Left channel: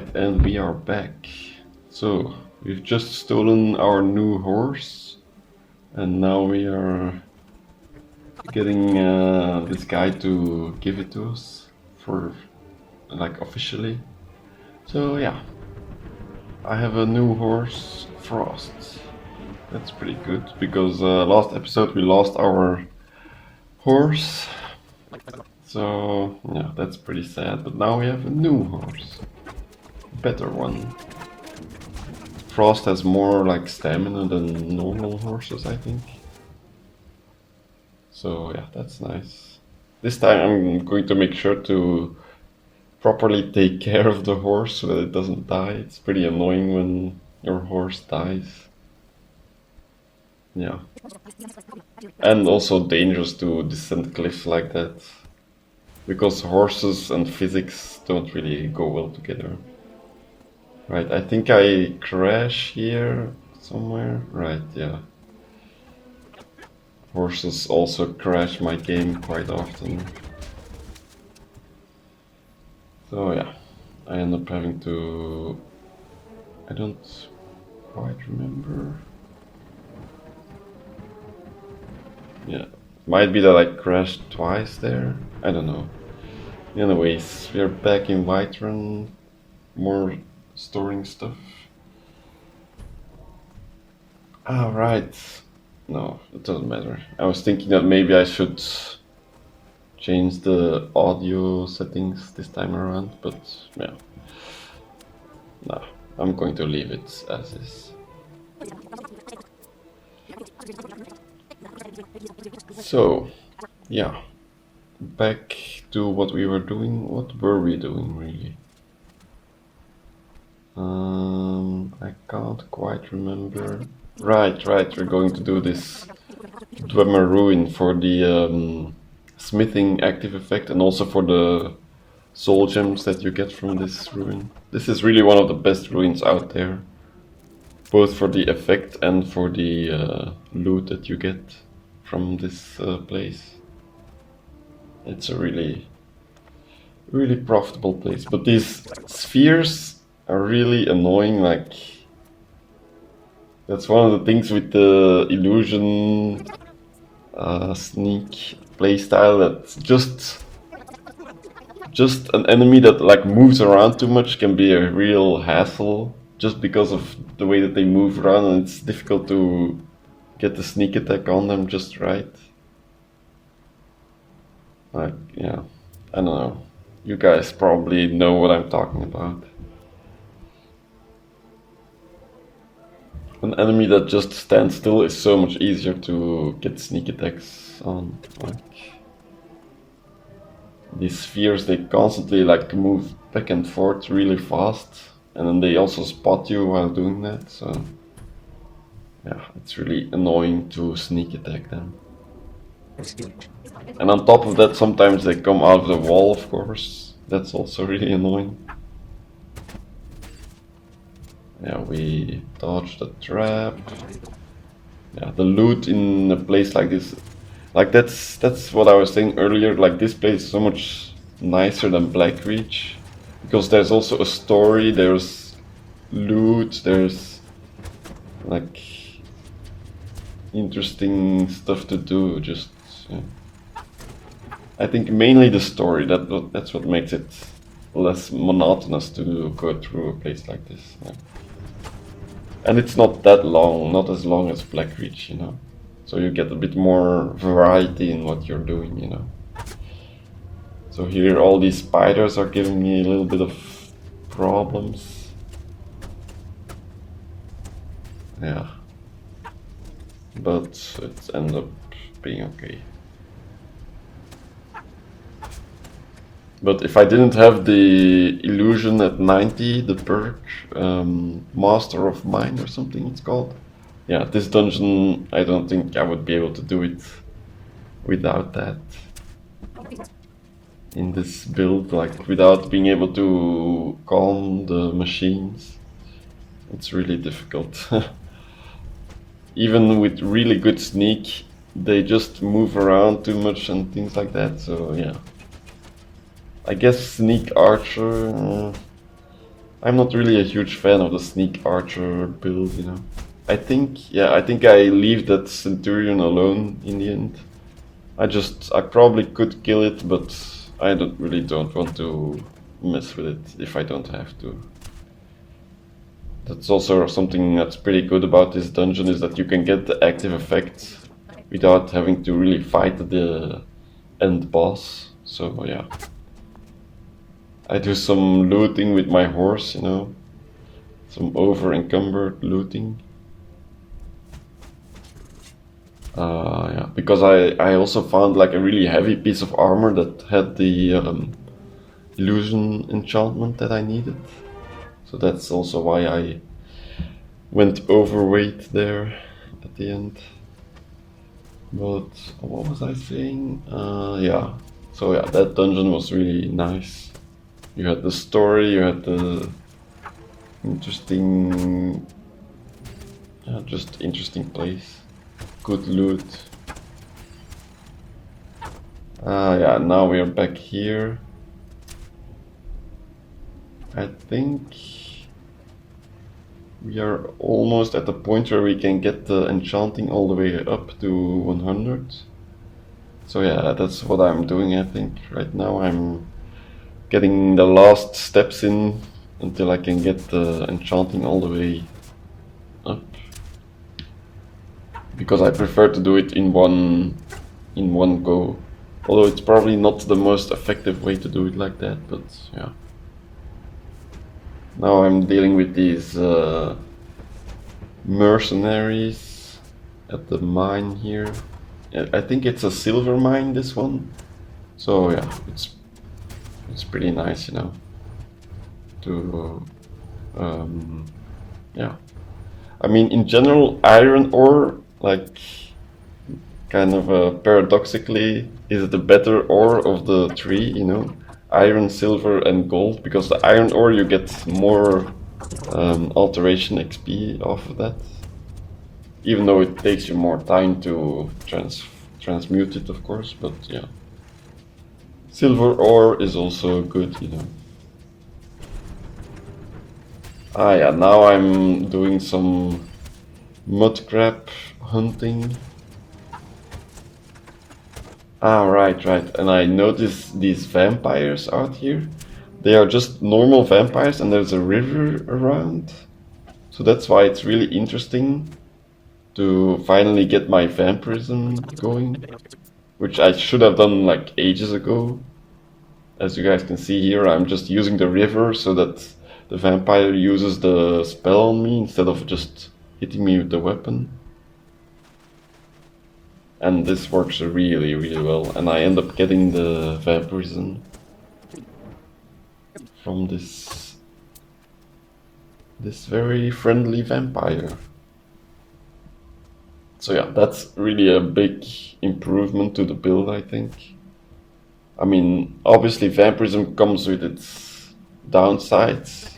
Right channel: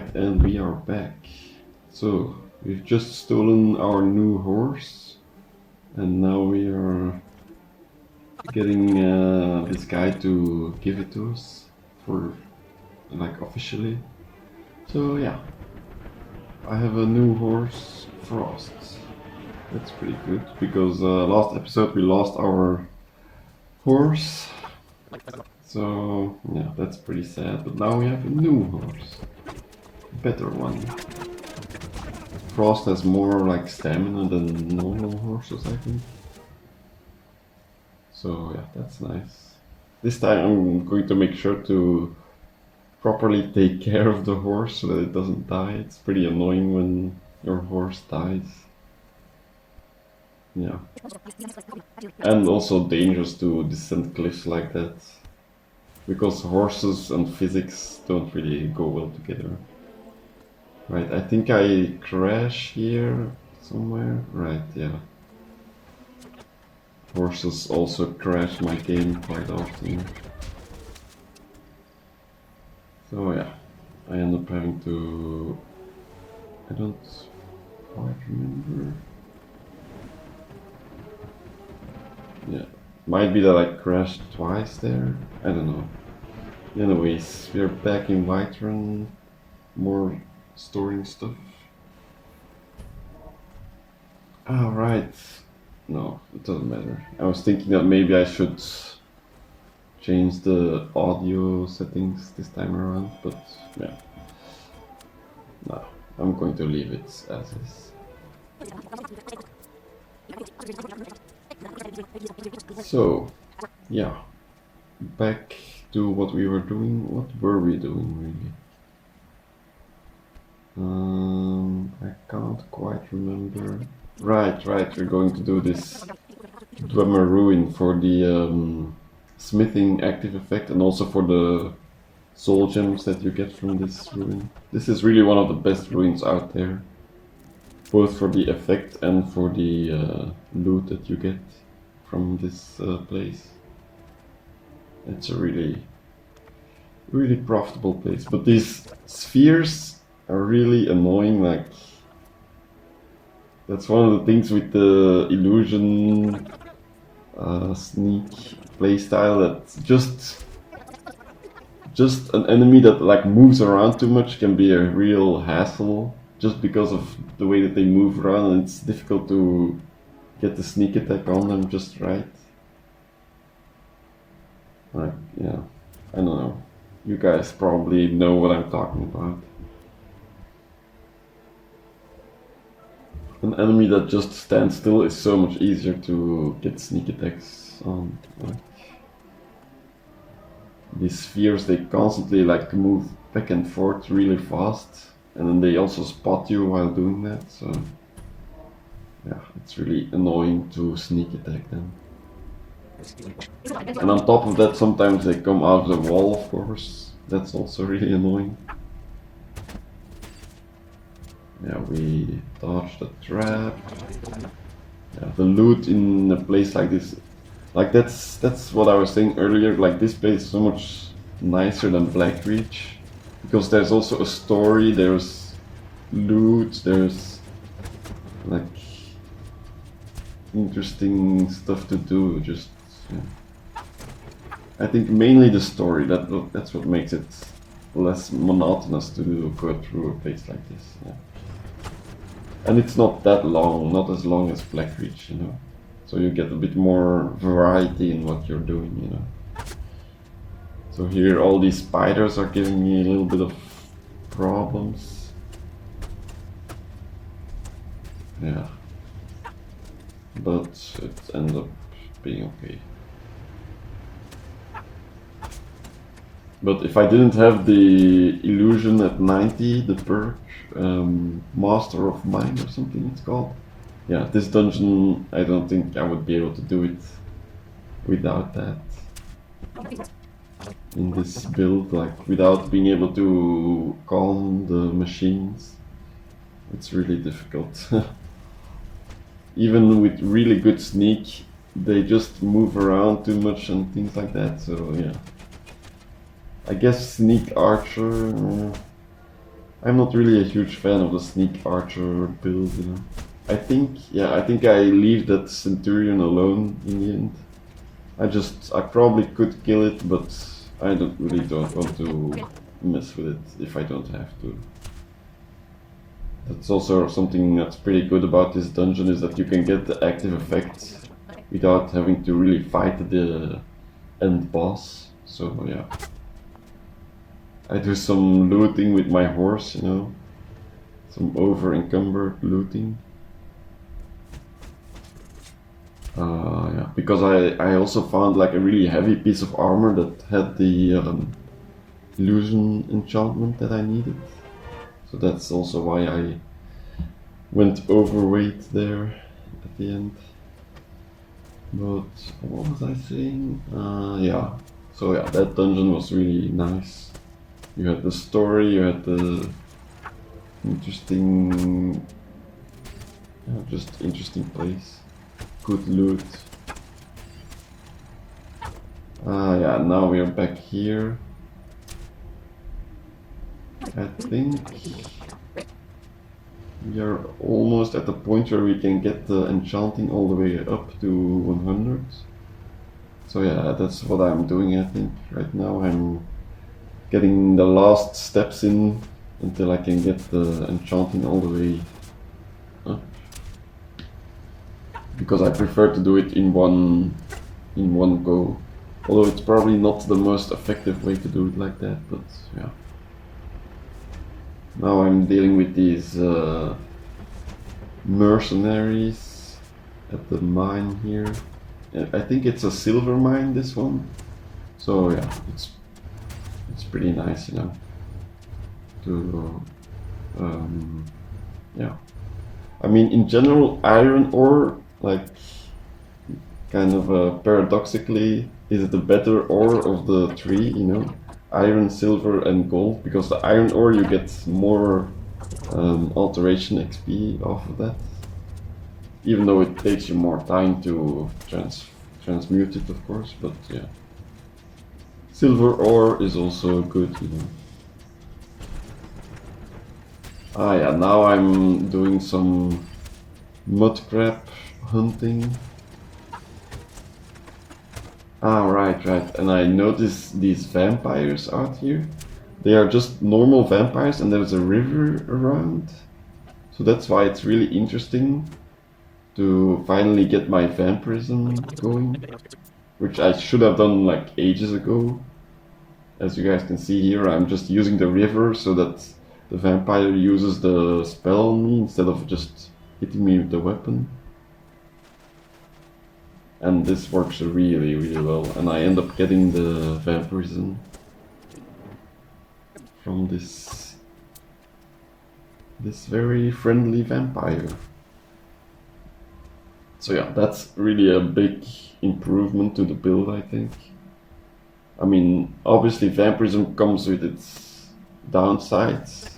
Right, and we are back. So, we've just stolen our new horse, and now we are getting this guy to give it to us for, like, officially. So yeah, I have a new horse, Frost. That's pretty good, because last episode we lost our horse. So yeah, that's pretty sad, but now we have a new horse. Better one. Frost has more like stamina than normal horses, I think. So yeah, that's nice. This time I'm going to make sure to properly take care of the horse so that it doesn't die. It's pretty annoying when your horse dies. Yeah. And also dangerous to descend cliffs like that. Because horses and physics don't really go well together. Right, I think I crash here somewhere. Right, yeah. Horses also crash my game quite often. So yeah, I end up having to... I don't quite remember. Yeah, might be that I crashed twice there. I don't know. Anyways, we're back in Whiterun. More storing stuff. Ah, right. No, it doesn't matter. I was thinking that maybe I should change the audio settings this time around, but yeah. Nah, I'm going to leave it as is. So, yeah. Back to what we were doing. What were we doing, really? I can't quite remember. Right, we're going to do this Dwemer Ruin for the smithing active effect and also for the soul gems that you get from this ruin. This is really one of the best ruins out there, both for the effect and for the loot that you get from this place. It's a really profitable place, but these spheres are really annoying. Like, that's one of the things with the illusion sneak playstyle, that's just an enemy that like moves around too much can be a real hassle, just because of the way that they move around, and it's difficult to get the sneak attack on them just right. Like, yeah, I don't know. You guys probably know what I'm talking about. An enemy that just stands still is so much easier to get sneak attacks on. Like, these spheres, they constantly like to move back and forth really fast, and then they also spot you while doing that, so yeah, it's really annoying to sneak attack them. And on top of that, sometimes they come out of the wall, of course. That's also really annoying. Yeah, we dodged the trap. Yeah, the loot in a place like this, like that's what I was saying earlier. Like, this place is so much nicer than Blackreach, because there's also a story, there's loot, there's like interesting stuff to do. Just yeah. I think mainly the story, that's what makes it less monotonous to go through a place like this. Yeah. And it's not that long, not as long as Blackreach, you know. So you get a bit more variety in what you're doing, you know. So here all these spiders are giving me a little bit of problems. Yeah. But it ends up being okay. But if I didn't have the illusion at 90, the perk, Master of Mind or something it's called. Yeah, this dungeon, I don't think I would be able to do it without that. In this build, like, without being able to calm the machines. It's really difficult. Even with really good sneak, they just move around too much and things like that, so yeah. I guess Sneak Archer I'm not really a huge fan of the sneak archer build, you know. I think I leave that centurion alone in the end. I probably could kill it, but I don't want to mess with it if I don't have to. That's also something that's pretty good about this dungeon, is that you can get the active effects without having to really fight the end boss. So yeah. I do some looting with my horse, you know. Some over-encumbered looting. Yeah, because I also found like a really heavy piece of armor that had the illusion enchantment that I needed. So that's also why I went overweight there at the end. But what was I saying? Yeah. So yeah, that dungeon was really nice. You had the story, you had the interesting, just interesting place. Good loot. Yeah, now we're back here. I think we are almost at the point where we can get the enchanting all the way up to 100. So yeah, that's what I'm doing, I think. Right now I'm getting the last steps in until I can get the enchanting all the way up. Because I prefer to do it in one go. Although it's probably not the most effective way to do it like that, but yeah. Now I'm dealing with these mercenaries at the mine here. I think it's a silver mine, this one. So yeah, it's pretty nice, you know. To yeah. I mean, in general, iron ore, like, kind of paradoxically, is the better ore of the three, you know? Iron, silver, and gold, because the iron ore you get more alteration XP off of that. Even though it takes you more time to transmute it, of course, but yeah. Silver ore is also good, you know. Ah yeah, now I'm doing some mud crab hunting. Ah, right. And I noticed these vampires out here. They are just normal vampires and there's a river around. So that's why it's really interesting to finally get my vampirism going. Which I should have done like ages ago. As you guys can see here, I'm just using the river so that the vampire uses the spell on me instead of just hitting me with the weapon. And this works really, really well. And I end up getting the vampirism from this very friendly vampire. So yeah, that's really a big improvement to the build, I think. I mean, obviously vampirism comes with its downsides,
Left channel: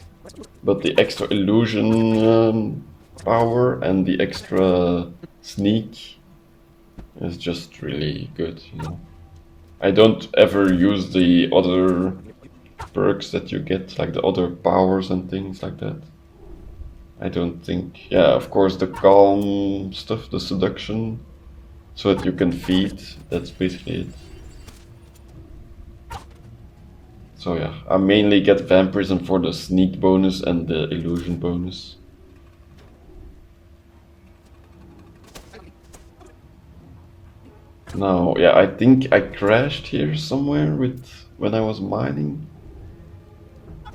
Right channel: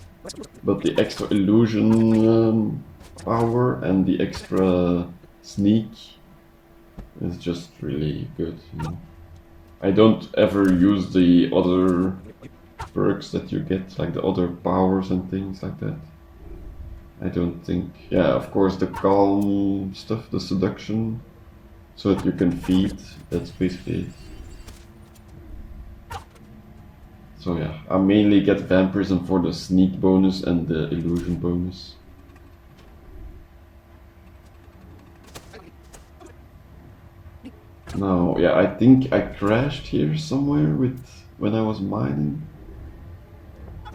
but the extra illusion power and the extra sneak is just really good, you know. I don't ever use the other perks that you get, like the other powers and things like that. I don't think. Yeah, of course the calm stuff, the seduction, so that you can feed, that's basically it. So yeah, I mainly get vampirism for the sneak bonus and the illusion bonus. Now, yeah, I think I crashed here somewhere when I was mining.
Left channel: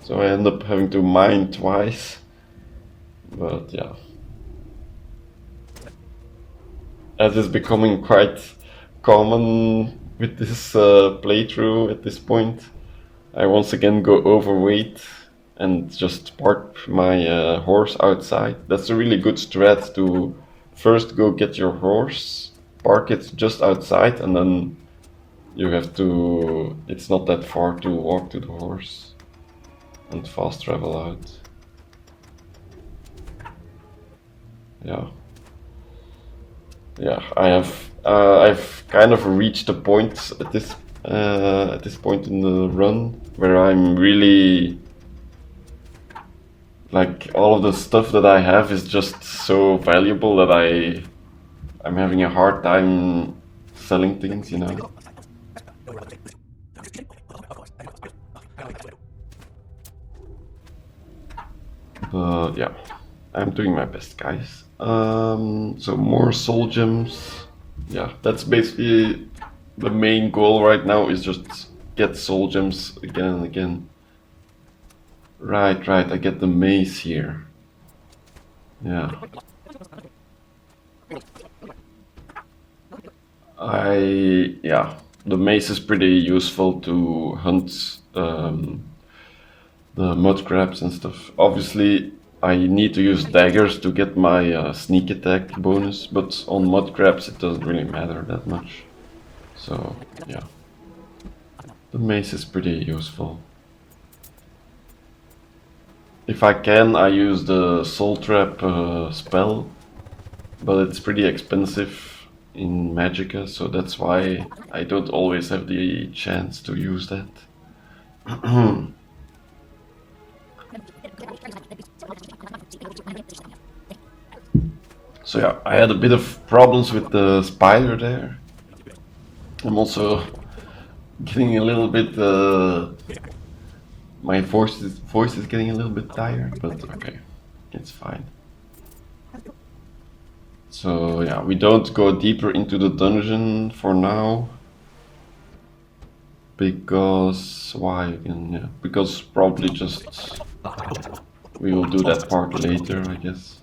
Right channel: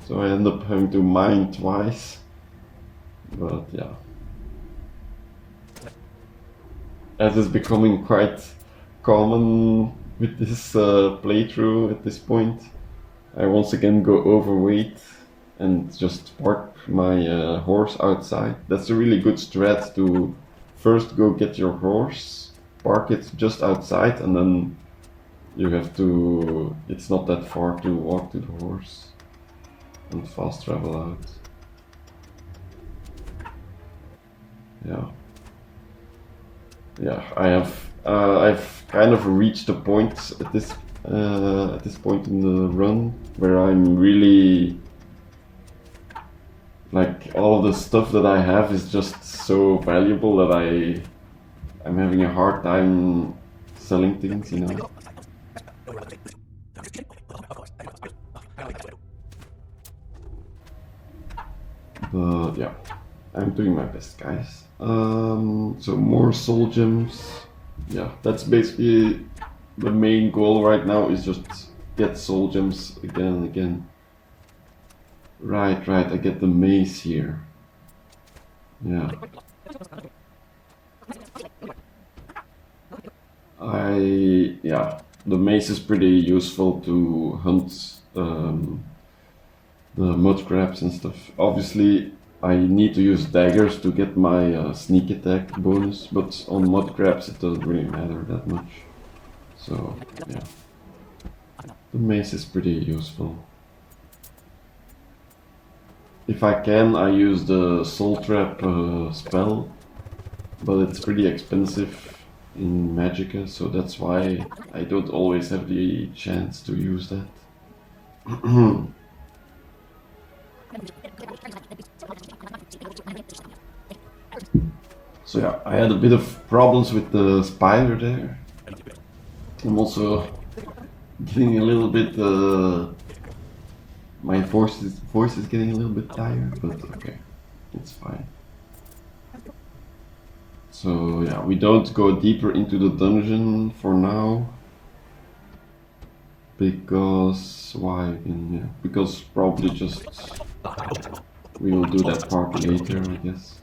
So I end up having to mine twice. But yeah. As is becoming quite common with this playthrough at this point, I once again go overweight and just park my horse outside. That's a really good strat to first go get your horse, park it just outside, and then you have to, it's not that far to walk to the horse and fast travel out. Yeah, I've kind of reached a point at this point in the run where I'm really Like all of the stuff that I have is just so valuable that I'm having a hard time selling things, you know. But yeah, I'm doing my best, guys. So more soul gems. Yeah, that's basically the main goal right now, is just get soul gems again and again. Right, I get the mace here. Yeah. Yeah, the mace is pretty useful to hunt the mud crabs and stuff. Obviously, I need to use daggers to get my sneak attack bonus, but on mud crabs it doesn't really matter that much. So, yeah. The mace is pretty useful. If I can, I use the soul trap spell, but it's pretty expensive in Magicka, so that's why I don't always have the chance to use that. So yeah, I had a bit of problems with the spider there. I'm also getting a little bit, my voice is getting a little bit tired, but okay, it's fine. So yeah, we don't go deeper into the dungeon for now. Because, why again? Yeah, because probably just, we will do that part later, I guess.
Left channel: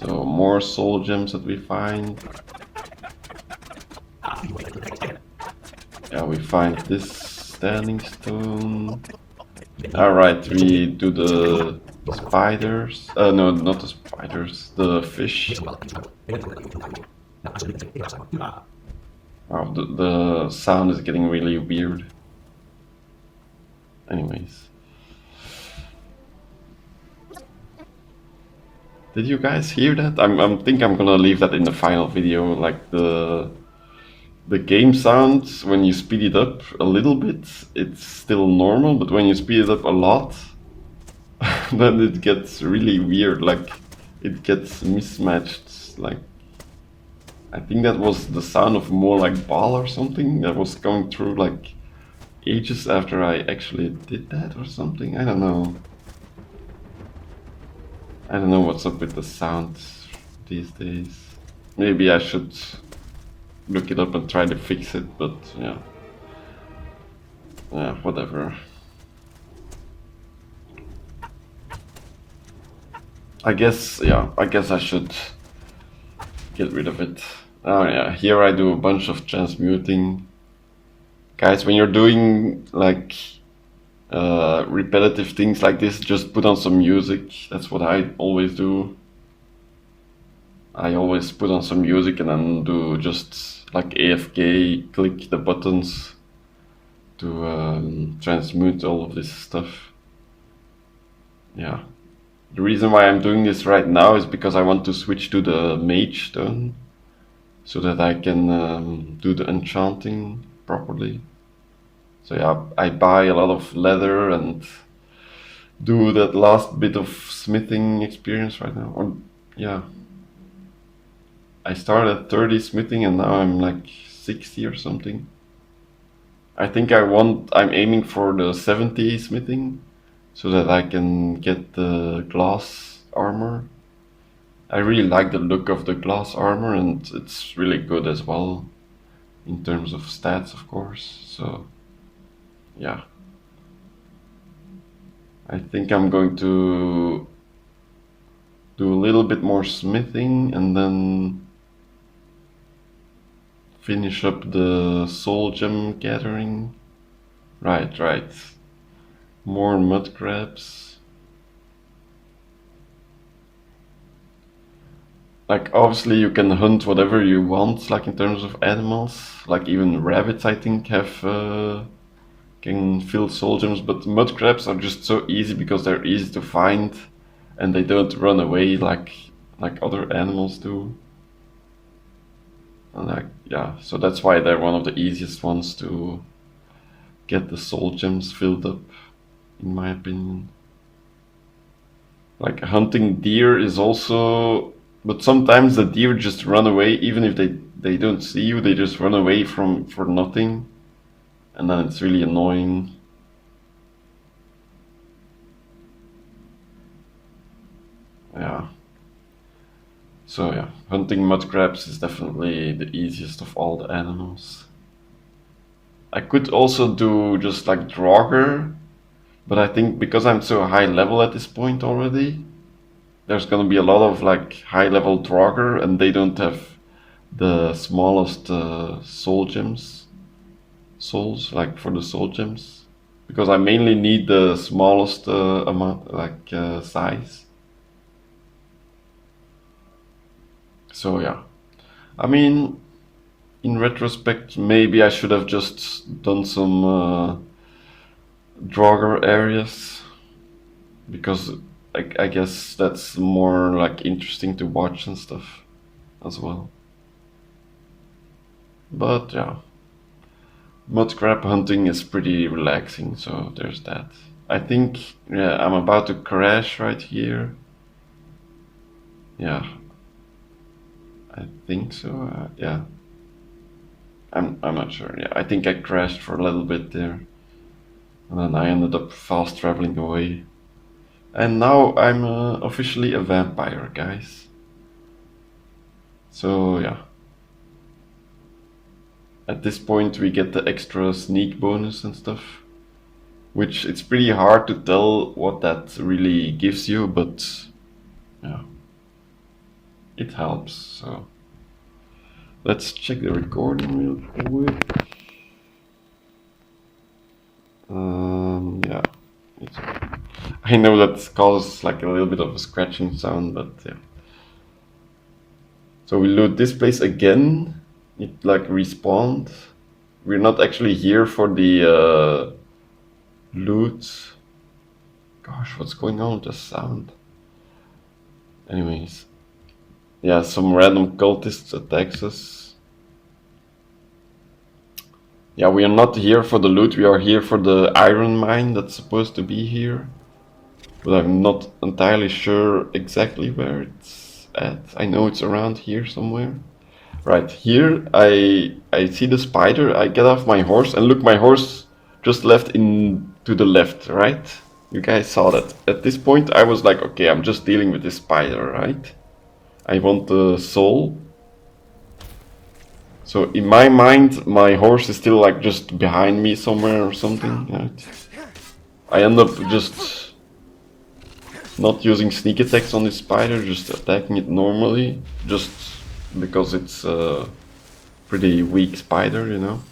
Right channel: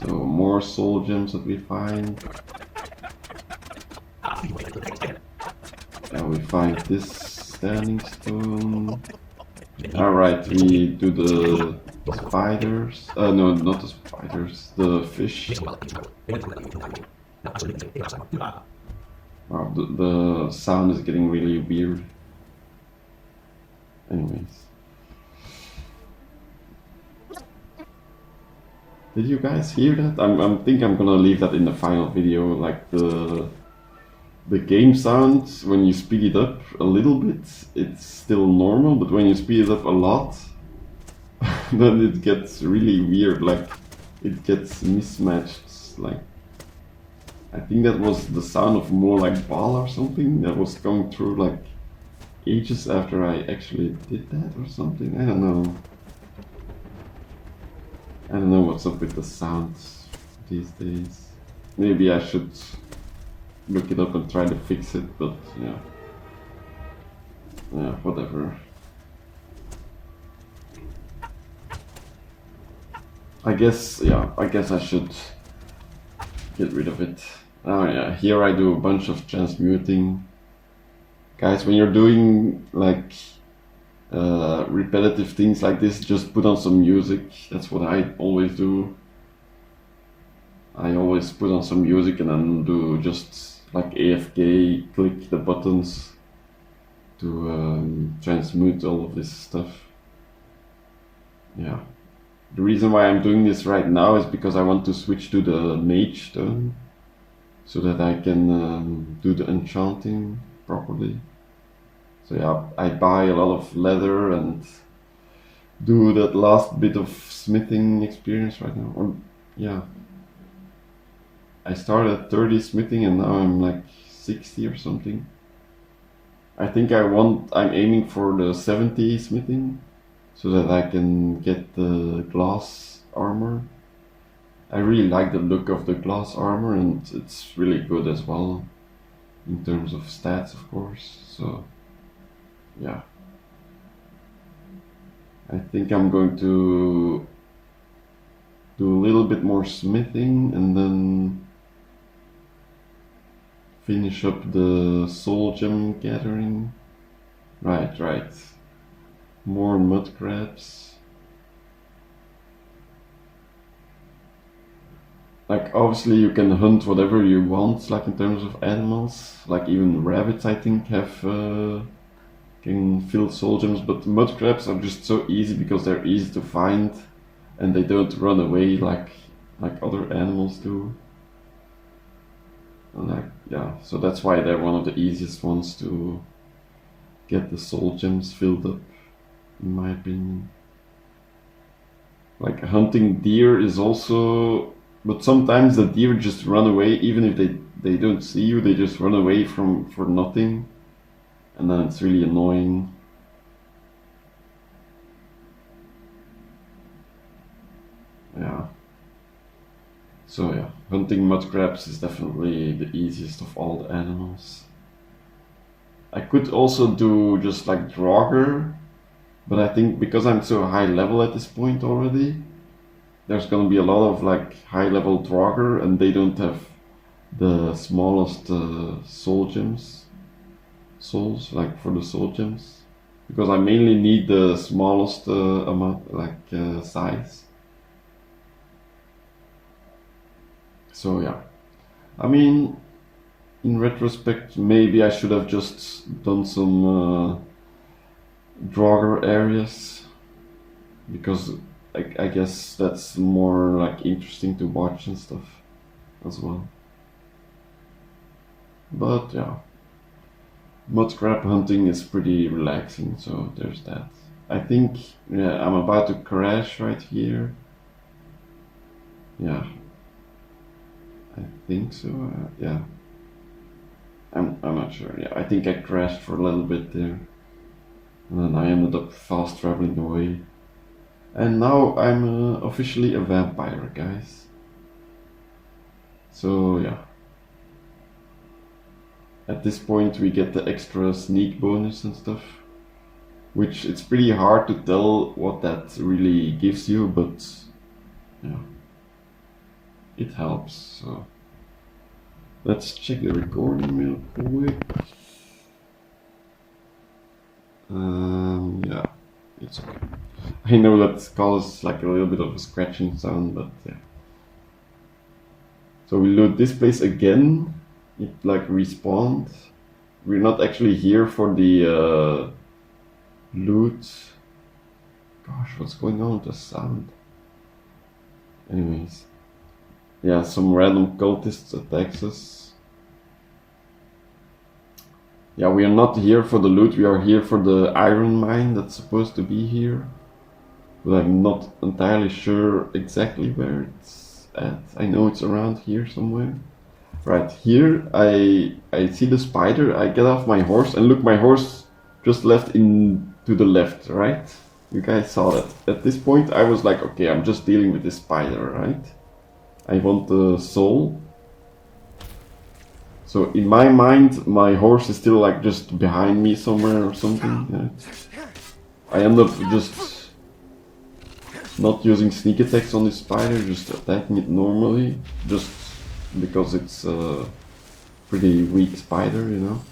So more soul gems that we find. Yeah, we find this standing stone. Alright, we do the spiders. No, not the spiders, the fish. Wow, the sound is getting really weird. Anyways. Did you guys hear that? I think I'm gonna leave that in the final video, like the game sounds, when you speed it up a little bit, it's still normal, but when you speed it up a lot, then it gets really weird, like it gets mismatched. Like, I think that was the sound of more like ball or something that was going through like ages after I actually did that or something. I don't know. I don't know what's up with the sounds these days. Maybe I should look it up and try to fix it, but yeah. Yeah, whatever. I guess I should get rid of it. Oh yeah, here I do a bunch of transmuting. Guys, when you're doing like repetitive things like this, just put on some music. That's what I always do. I always put on some music and then do just like AFK, click the buttons to transmute all of this stuff. Yeah. The reason why I'm doing this right now is because I want to switch to the mage stone so that I can do the enchanting properly. So yeah, I buy a lot of leather and do that last bit of smithing experience right now. Or, yeah. I started at 30 smithing and now I'm like 60 or something. I think I'm aiming for the 70 smithing so that I can get the glass armor. I really like the look of the glass armor and it's really good as well in terms of stats, of course. So yeah, I think I'm going to do a little bit more smithing and then finish up the soul gem gathering. Right. More mud crabs. Like, obviously you can hunt whatever you want, like in terms of animals. Like even rabbits, I think, can fill soul gems, but mud crabs are just so easy because they're easy to find and they don't run away like other animals do. And yeah, so that's why they're one of the easiest ones to get the soul gems filled up. in my opinion. Like hunting deer is also, but sometimes the deer just run away, even if they don't see you, they just run away for nothing, and then it's really annoying. Yeah. So yeah, hunting mud crabs is definitely the easiest of all the animals. I could also do just like Draugr, but I think because I'm so high level at this point already, there's gonna be a lot of like high level Draugr, and they don't have the smallest souls, like for the soul gems, because I mainly need the smallest amount, like size. So yeah, I mean, in retrospect, maybe I should have just done some Draugr areas, because I guess that's more like interesting to watch and stuff as well. But yeah, mud crab hunting is pretty relaxing, so there's that. I think, yeah, I'm about to crash right here. Yeah, I think so. Yeah, I'm not sure. Yeah, I think I crashed for a little bit there, and then I ended up fast traveling away. And now I'm officially a vampire, guys. So yeah, at this point we get the extra sneak bonus and stuff, which it's pretty hard to tell what that really gives you, but yeah, it helps. So let's check the recording real quick. Yeah, it's okay. I know that causes like a little bit of a scratching sound, but yeah. So we loot this place again. It like respawned. We're not actually here for the loot. Gosh, what's going on with the sound? Anyways, yeah, some random cultists attacks us. Yeah, we are not here for the loot. We are here for the iron mine that's supposed to be here, but I'm not entirely sure exactly where it's at. I know it's around here somewhere. Right here, I see the spider. I get off my horse, and look, my horse just left in to the left, right? You guys saw that. At this point, I was like, okay, I'm just dealing with this spider, right? I want the soul. So in my mind, my horse is still like just behind me somewhere or something, right? I end up just not using sneak attacks on this spider, just attacking it normally, just because it's a pretty weak spider, you know.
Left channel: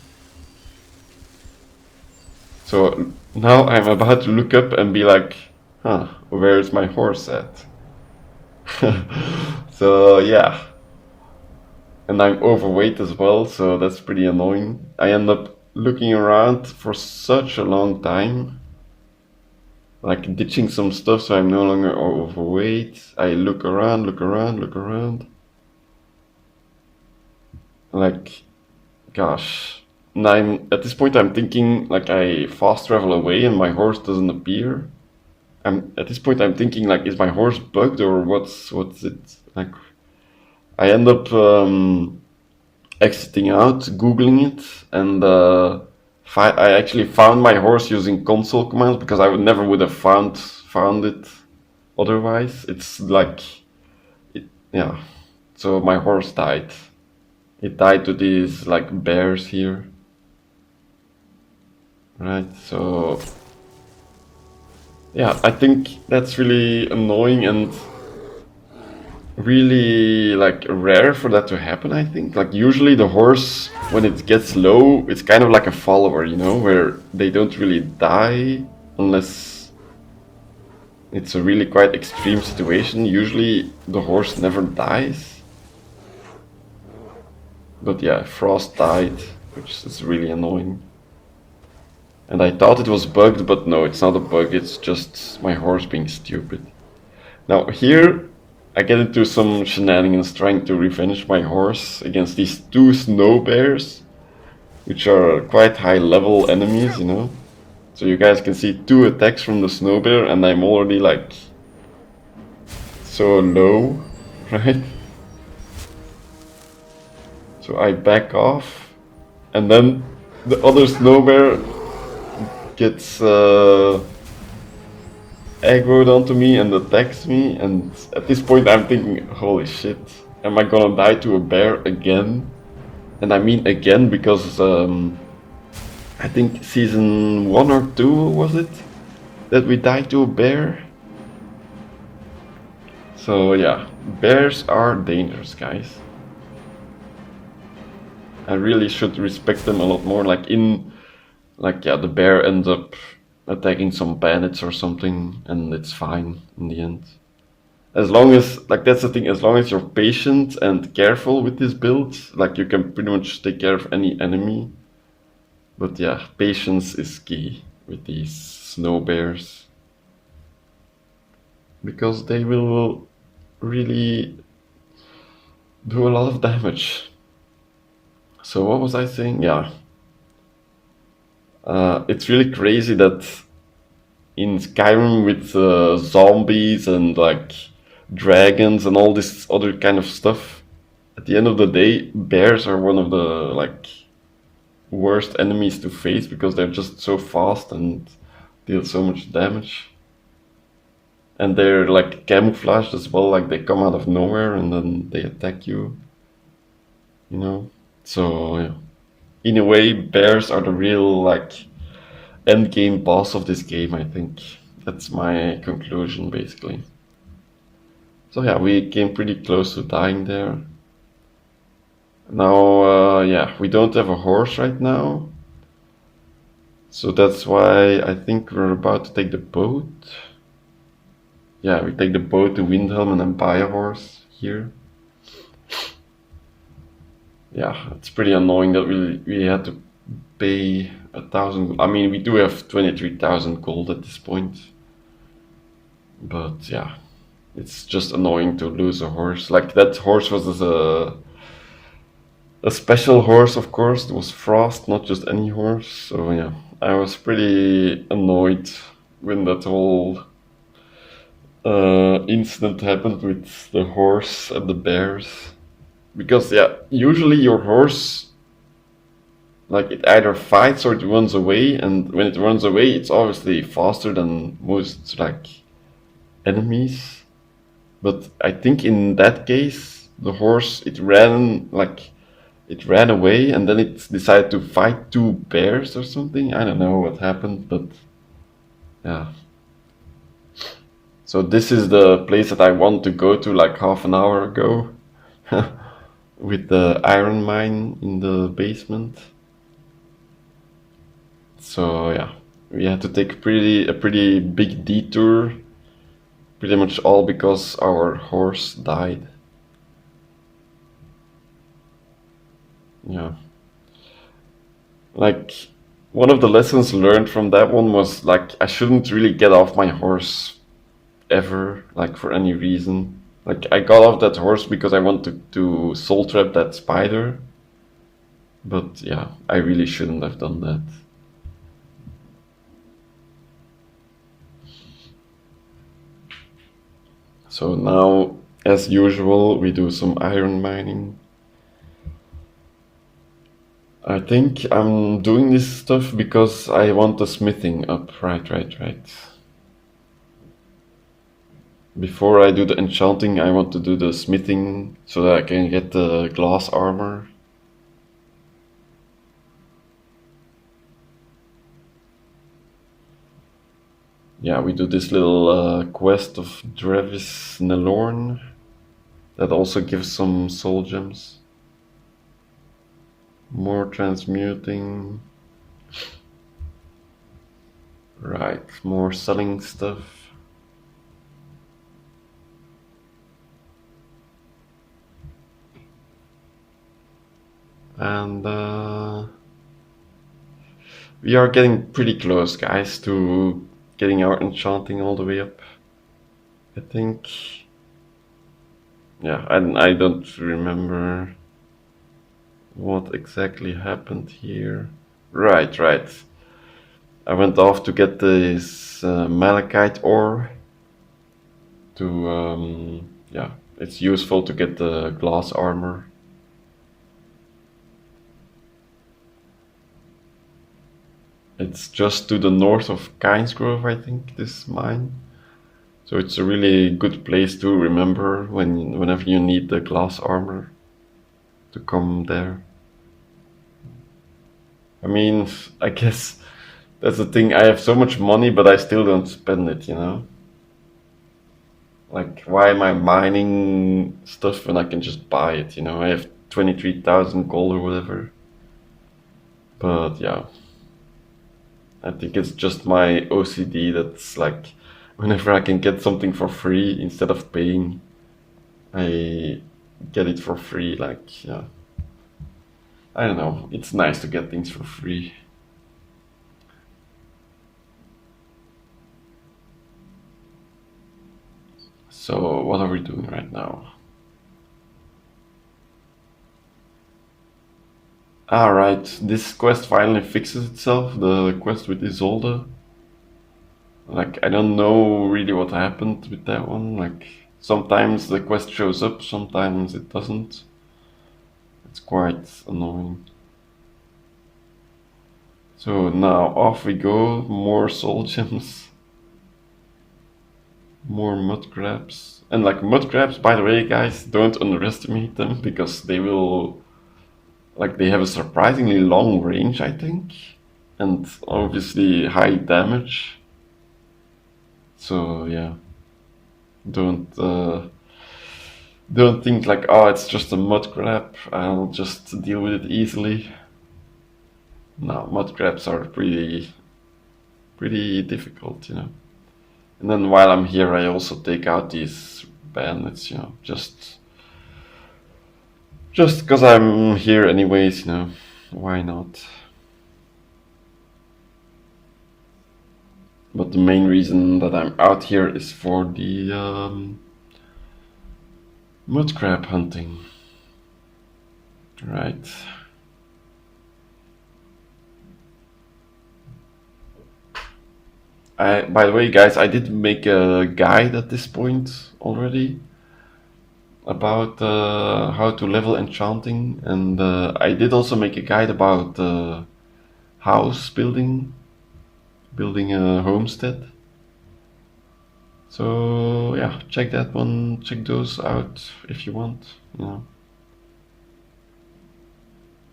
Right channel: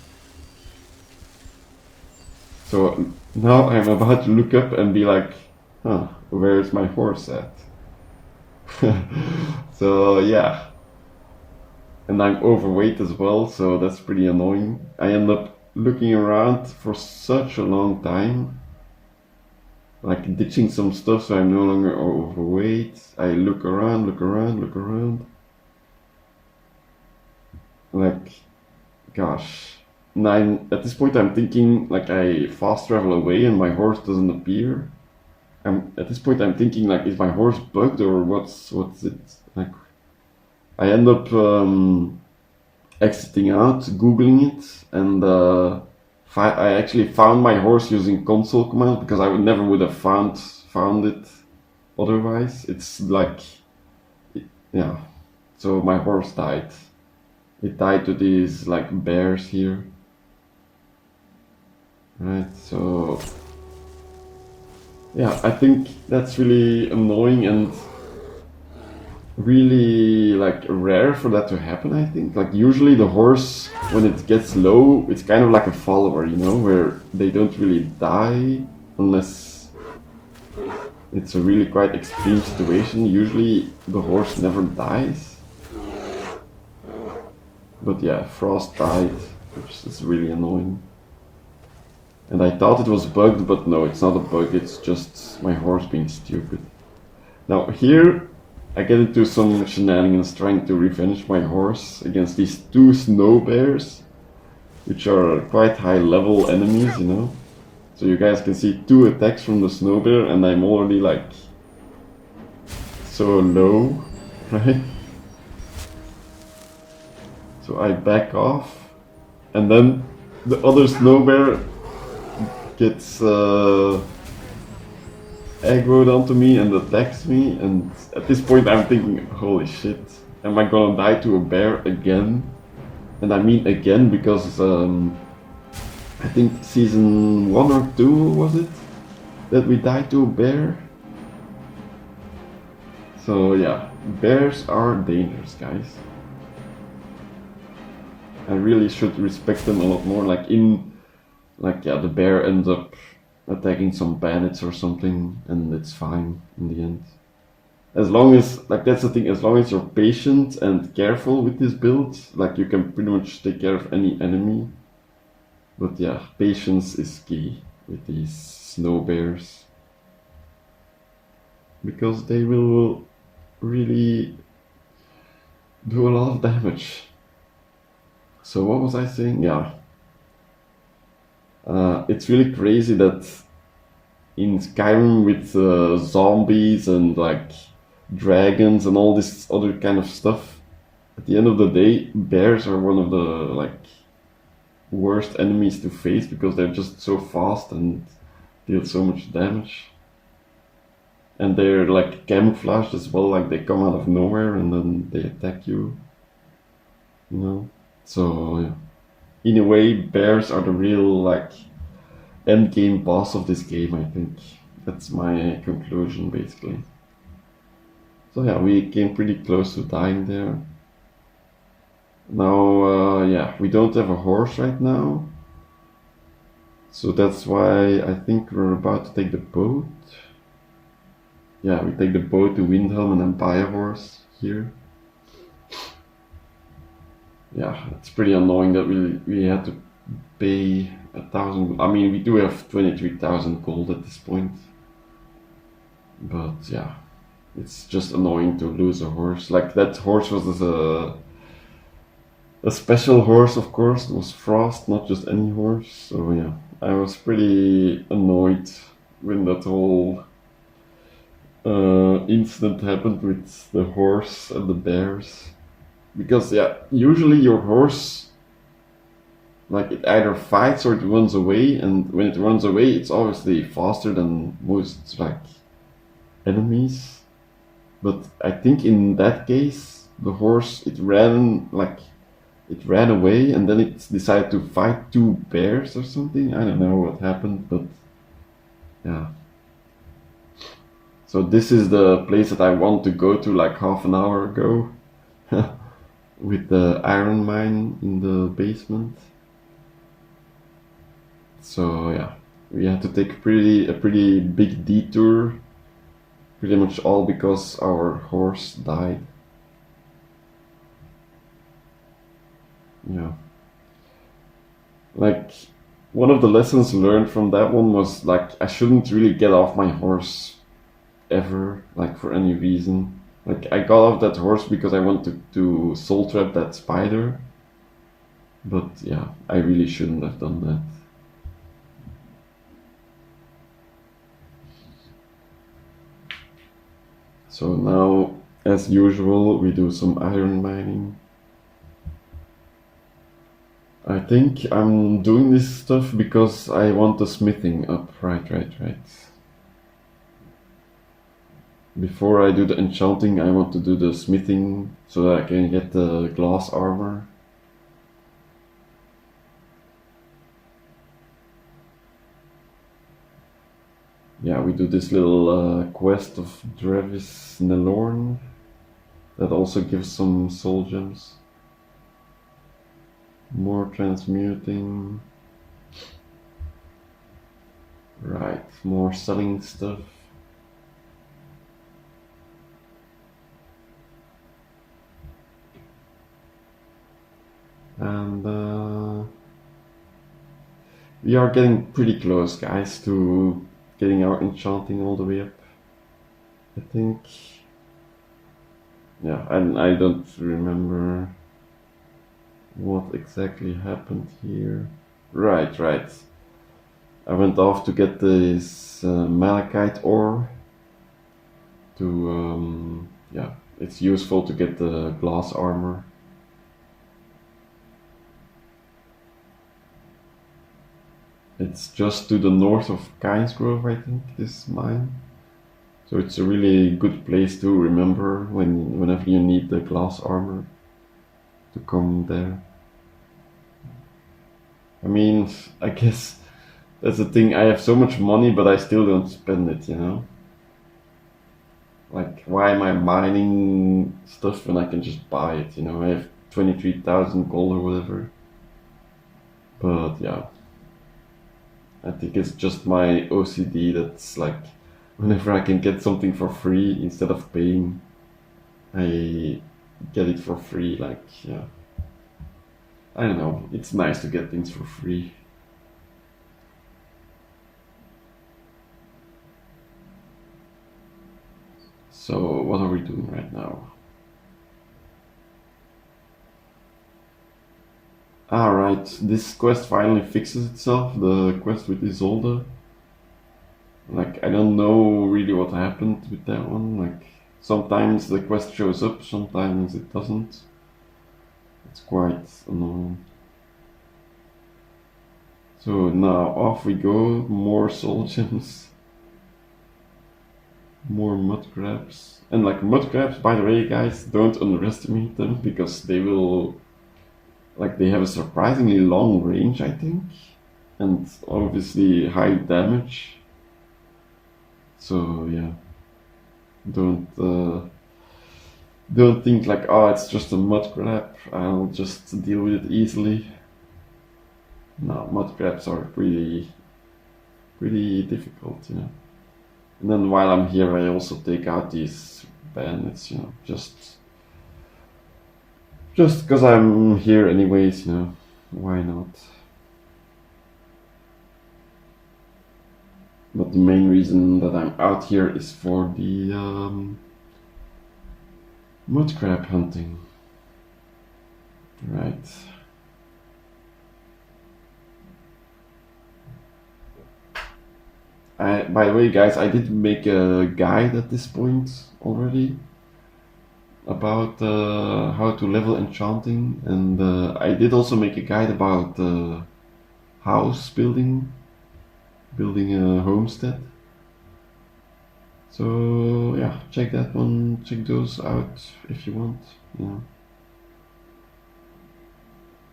So now I'm about to look up and be like, huh, where's my horse at? So yeah. And I'm overweight as well, so that's pretty annoying. I end up looking around for such a long time, like ditching some stuff so I'm no longer overweight. I look around, look around, look around. Like, gosh. And at this point I'm thinking like I fast travel away and my horse doesn't appear. At this point I'm thinking like, is my horse bugged or what's it? Like, I end up exiting out, googling it, and I actually found my horse using console commands because I never would have found it otherwise. It's like, yeah. So my horse died. It died to these like bears here. Right, so yeah, I think that's really annoying and really like rare for that to happen. I think like usually the horse, when it gets low, it's kind of like a follower, you know, where they don't really die unless it's a really quite extreme situation. Usually the horse never dies. But yeah, Frost died, which is really annoying. And I thought it was bugged, but no, it's not a bug, it's just my horse being stupid. Now here, I get into some shenanigans trying to revenge my horse against these two snow bears, which are quite high level enemies, you know. So you guys can see 2 attacks from the snow bear, and I'm already like so low, right? So I back off, and then the other snow bear gets aggroed onto me and attacks me, and at this point I'm thinking, holy shit, am I gonna die to a bear again? And I mean again because I think season 1 or 2 was it that we died to a bear. So yeah, bears are dangerous, guys. I really should respect them a lot more. Yeah, the bear ends up attacking some bandits or something, and it's fine in the end. As long as, like, that's the thing, as long as you're patient and careful with this build, like, you can pretty much take care of any enemy. But yeah, patience is key with these snow bears. Because they will really do a lot of damage. So what was I saying? Yeah. It's really crazy that in Skyrim with zombies and like dragons and all this other kind of stuff, at the end of the day, bears are one of the like worst enemies to face because they're just so fast and deal so much damage. And they're like camouflaged as well, like they come out of nowhere and then they attack you, you know? So, yeah. In a way, bears are the real like end game boss of this game, I think. That's my conclusion, basically. So yeah, we came pretty close to dying there. Now, yeah, we don't have a horse right now. So that's why I think we're about to take the boat. Yeah, we take the boat to Windhelm and then buy a horse here. Yeah, it's pretty annoying that we had to pay 1,000. I mean, we do have 23,000 gold at this point. But yeah, it's just annoying to lose a horse. Like, that horse was a special horse, of course. It was Frost, not just any horse. So yeah, I was pretty annoyed when that whole incident happened with the horse and the bears. Because yeah, usually your horse, like, it either fights or it runs away, and when it runs away, it's obviously faster than most like enemies. But I think in that case, the horse, it ran away, and then it decided to fight 2 bears or something. I don't know what happened, but yeah. So this is the place that I want to go to like half an hour ago. With the iron mine in the basement. So yeah, we had to take a pretty big detour. Pretty much all because our horse died. Yeah. Like, one of the lessons learned from that one was like I shouldn't really get off my horse ever, like for any reason. Like, I got off that horse because I wanted to soul trap that spider. But yeah, I really shouldn't have done that. So now, as usual, we do some iron mining. I think I'm doing this stuff because I want the smithing up. Right. Before I do the enchanting, I want to do the smithing so that I can get the glass armor. Yeah, we do this little quest of Drevis Nelorn. That also gives some soul gems. More transmuting. Right, more selling stuff. And we are getting pretty close, guys, to getting our enchanting all the way up. I think. Yeah, I don't remember what exactly happened here. Right. I went off to get this malachite ore. To yeah, it's useful to get the glass armor. It's just to the north of Kynesgrove, I think, this mine. So it's a really good place to remember whenever you need the glass armor to come there. I mean, I guess that's the thing. I have so much money, but I still don't spend it, you know? Like, why am I mining stuff when I can just buy it, you know? I have 23,000 gold or whatever. But yeah, I think it's just my OCD that's like, whenever I can get something for free instead of paying, I get it for free. Like, yeah. I don't know, it's nice to get things for free. So, what are we doing right now? Alright, this quest finally fixes itself, the quest with Isolde. Like, I don't know really what happened with that one. Like, sometimes the quest shows up, sometimes it doesn't. It's quite annoying. So now off we go, more soul gems. More mud crabs. And like mud crabs, by the way guys, don't underestimate them because they will, like, they have a surprisingly long range, I think. And obviously high damage. So yeah, don't think like, oh, it's just a mud crab, I'll just deal with it easily. No, mud crabs are pretty difficult, you know. And then while I'm here, I also take out these bandits, you know, just because I'm here anyways, you know, why not? But the main reason that I'm out here is for the mud crab hunting. Right. By the way, guys, I did make a guide at this point already about how to level enchanting, and I did also make a guide about house building a homestead. So yeah, check that one, check those out if you want, you know.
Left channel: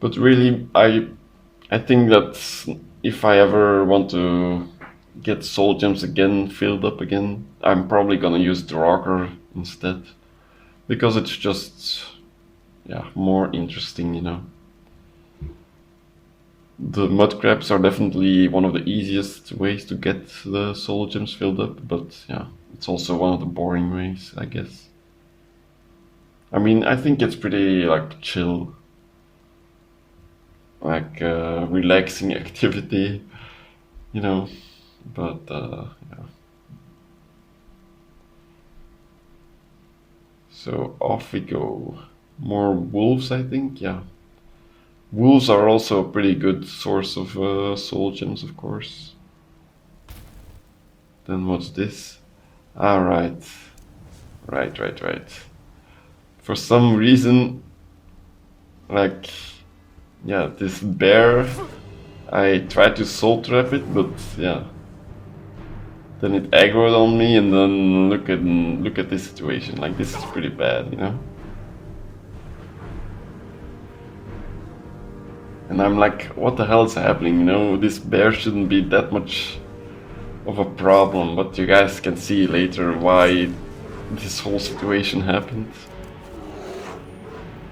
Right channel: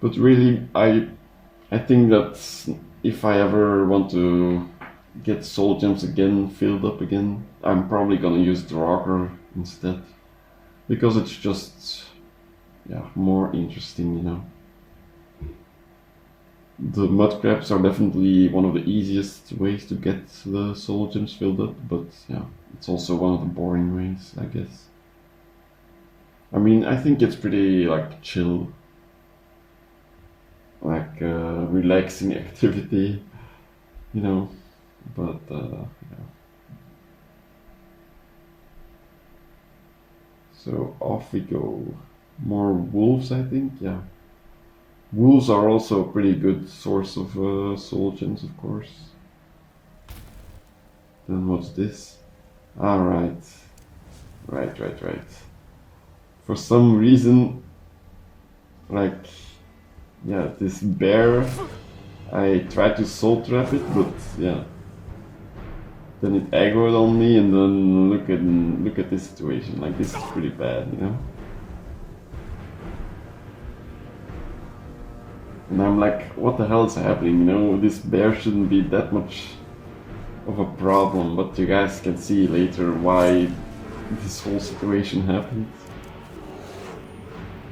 But really, I think that if I ever want to get soul gems again, filled up again, I'm probably gonna use Draugr instead, because it's just, yeah, more interesting, you know. The mud crabs are definitely one of the easiest ways to get the soul gems filled up, but yeah, it's also one of the boring ways, I guess. I mean, I think it's pretty like chill, like relaxing activity, you know, but yeah. So off we go. More wolves, I think, yeah. Wolves are also a pretty good source of soul gems, of course. Then what's this? Ah, right. Right. For some reason, like, yeah, this bear, I tried to soul trap it, but yeah. Then it aggroed on me, and then look at this situation. Like, this is pretty bad, you know? And I'm like, what the hell is happening? You know, this bear shouldn't be that much of a problem, but you guys can see later why this whole situation happened.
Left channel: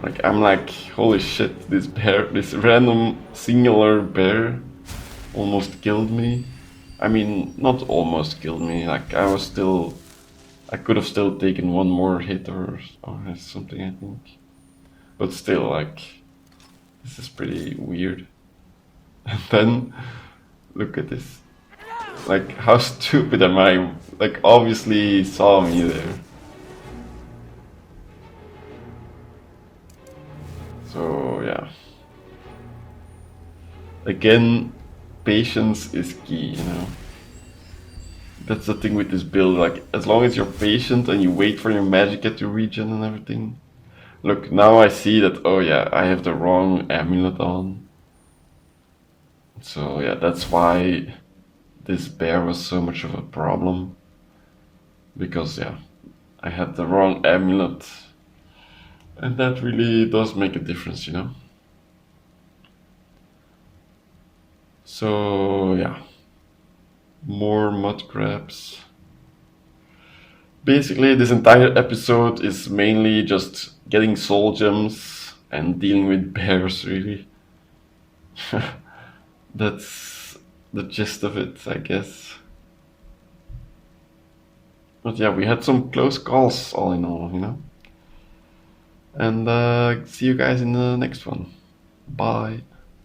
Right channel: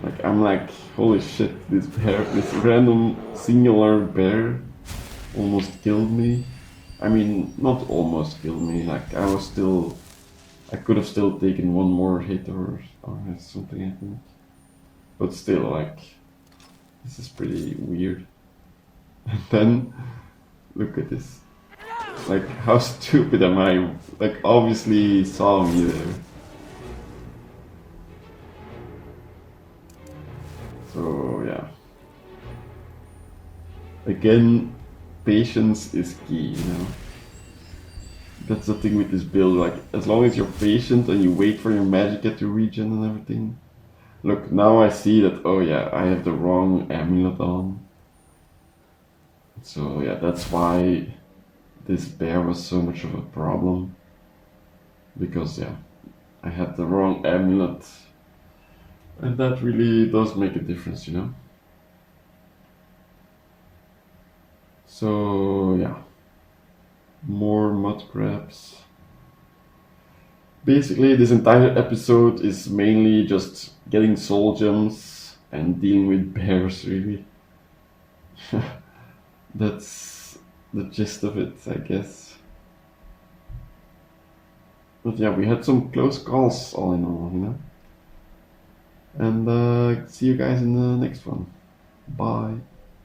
Like, I'm like, holy shit, this bear, this random singular bear almost killed me. I mean, not almost killed me, like I could have still taken one more hit or something, I think. But still, like, this is pretty weird. And then, look at this. Like, how stupid am I? Like, obviously saw me there. So, yeah. Again, patience is key, you know. That's the thing with this build, like, as long as you're patient and you wait for your magic to regen and everything. Look, now I see that, oh yeah, I have the wrong amulet on. So yeah, that's why this bear was so much of a problem. Because yeah, I had the wrong amulet. And that really does make a difference, you know. So yeah, more mud crabs. Basically, this entire episode is mainly just getting soul gems and dealing with bears, really. That's the gist of it, I guess. But yeah, we had some close calls, all in all, you know. And see you guys in the next one. Bye.